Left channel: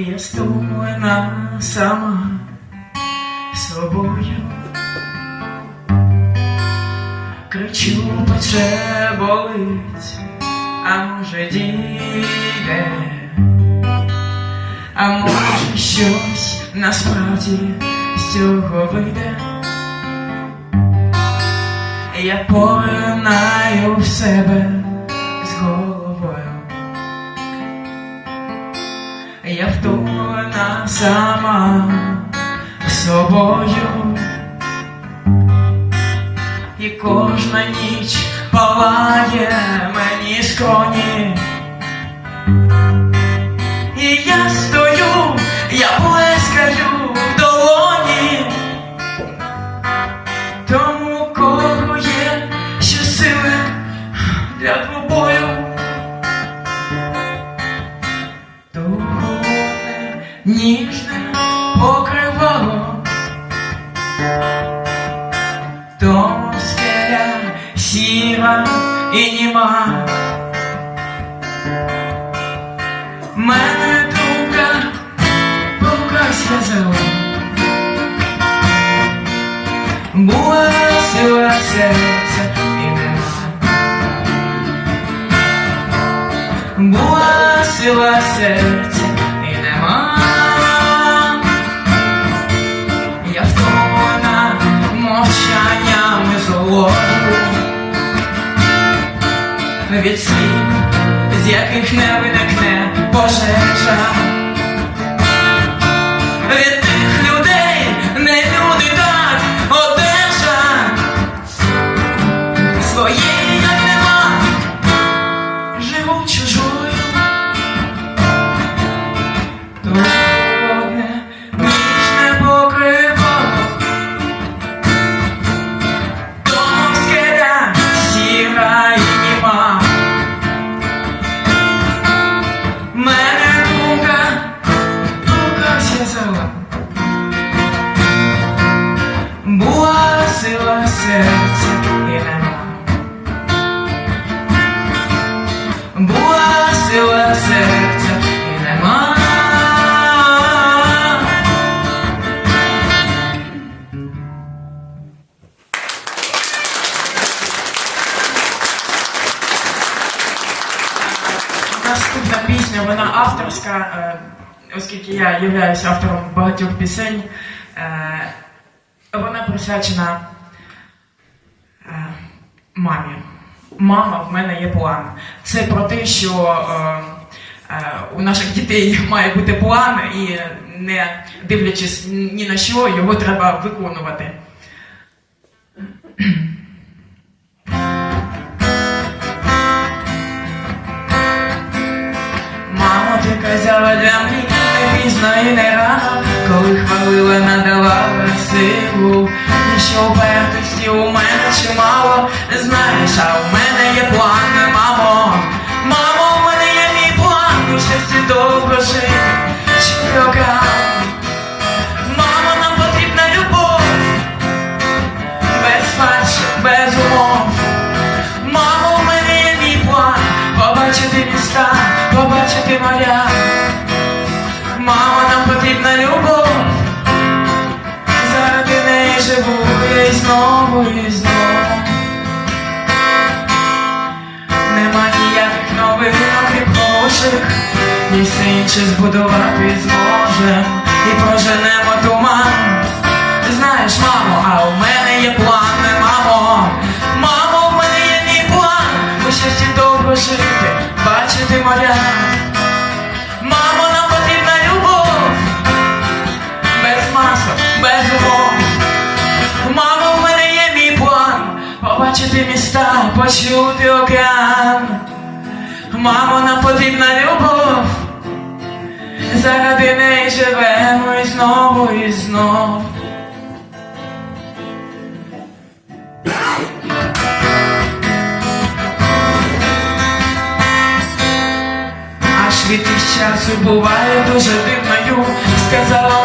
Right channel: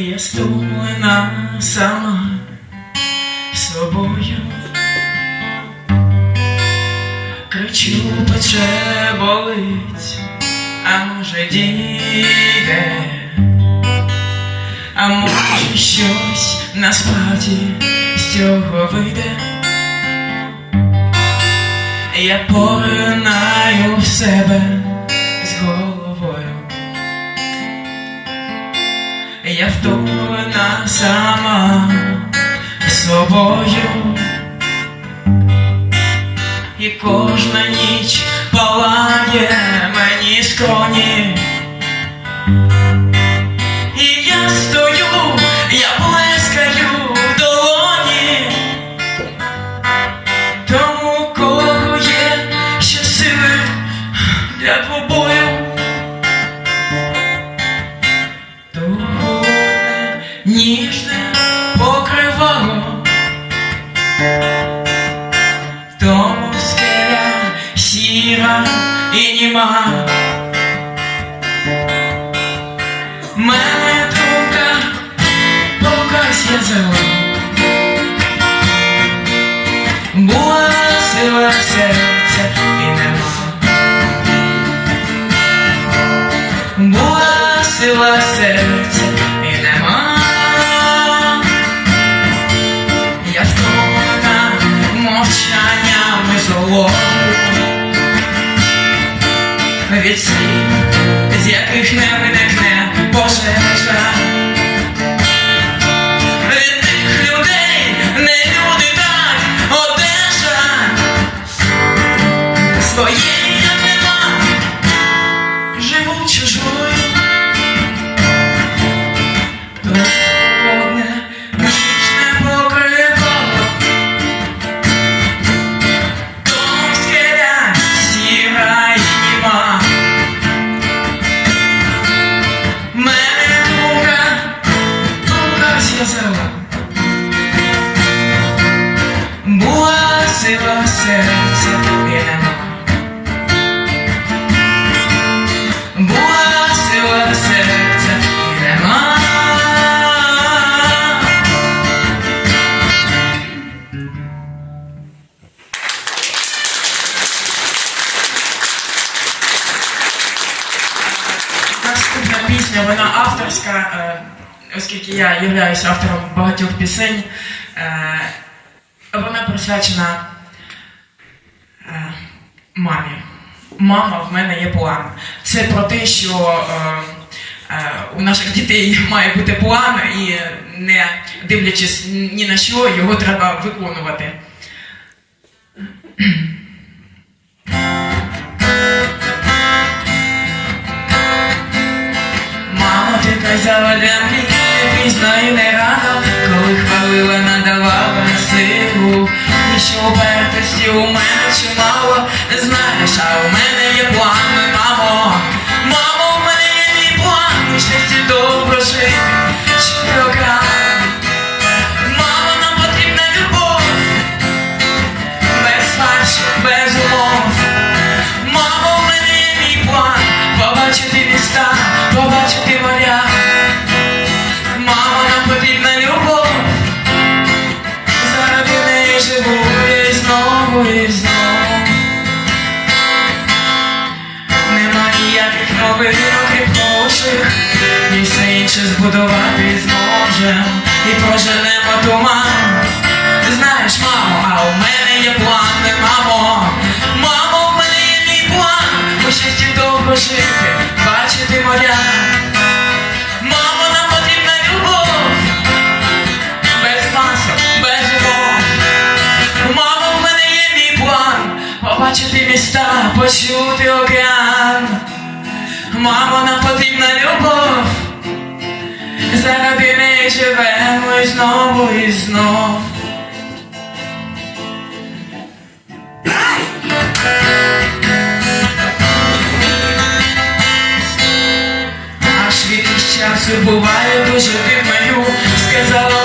Я стомлена сама собою, кричу, пече, болить, а може дійде, а може щось насправді з цього вийде. Я поринаю в себе з головою, я втомлена сама собою, і кожна ніч палає мені скроні. І я стою, я плескаю в долоні тому, кого є ще сили для двобою. То холодне, ніжне покривало, тому скеля сіра і німа. Мене думка покась в'язала, була сила серця і нема, була сила серця і нема. Я втомлена мовчаннями золотою від слів, з яких не виникне пожежа. Від тих людей не люди, так одежа. Своєї я нема, живу чужою. То холодне, ніжне покривало, тому скеля сіра і німа. Мене думка покась в'язала, була сила серця і нема, була сила серця і нема. Наступна пісня, вона авторська, оскільки я являюсь автором багатьох пісень. Вона присвячена мамі. Мама, в мене є план. Це про те, що у наших дітей має бути план, і не дивлячись ні на що, його треба виконувати. Мамо, ти казала для мрій не пізно і не рано, коли хвалила, надавала силу, і що упертості у мене чимало. Знаєш, а у мене є план, мамо. Мамо, у мене є мій план, і щастя довго жити, щорока. Мамо, нам потрібна любов, без фальші, без умов. Мамо, у мене є мій план, побачити міста, побачити моря. Мамо, нам потрібна любов, заради неї живу я і знову, і знову. Нема ніяких новин, окрім хороших, і все інше збудувати зможем, і проженемо туман. Знаєш, мамо, а у мене є план, мамо. Мамо, у мене є мій план, у щасті довго жити, бачити моря. Мамо, нам потрібна любов, без масок, без умов. Мамо, в мене є мій план, побачити міста, почути океан. Мамо, нам потрібна любов, заради неї живемо і знову, і знов. Аж від із часу буває дуже дивною, сказала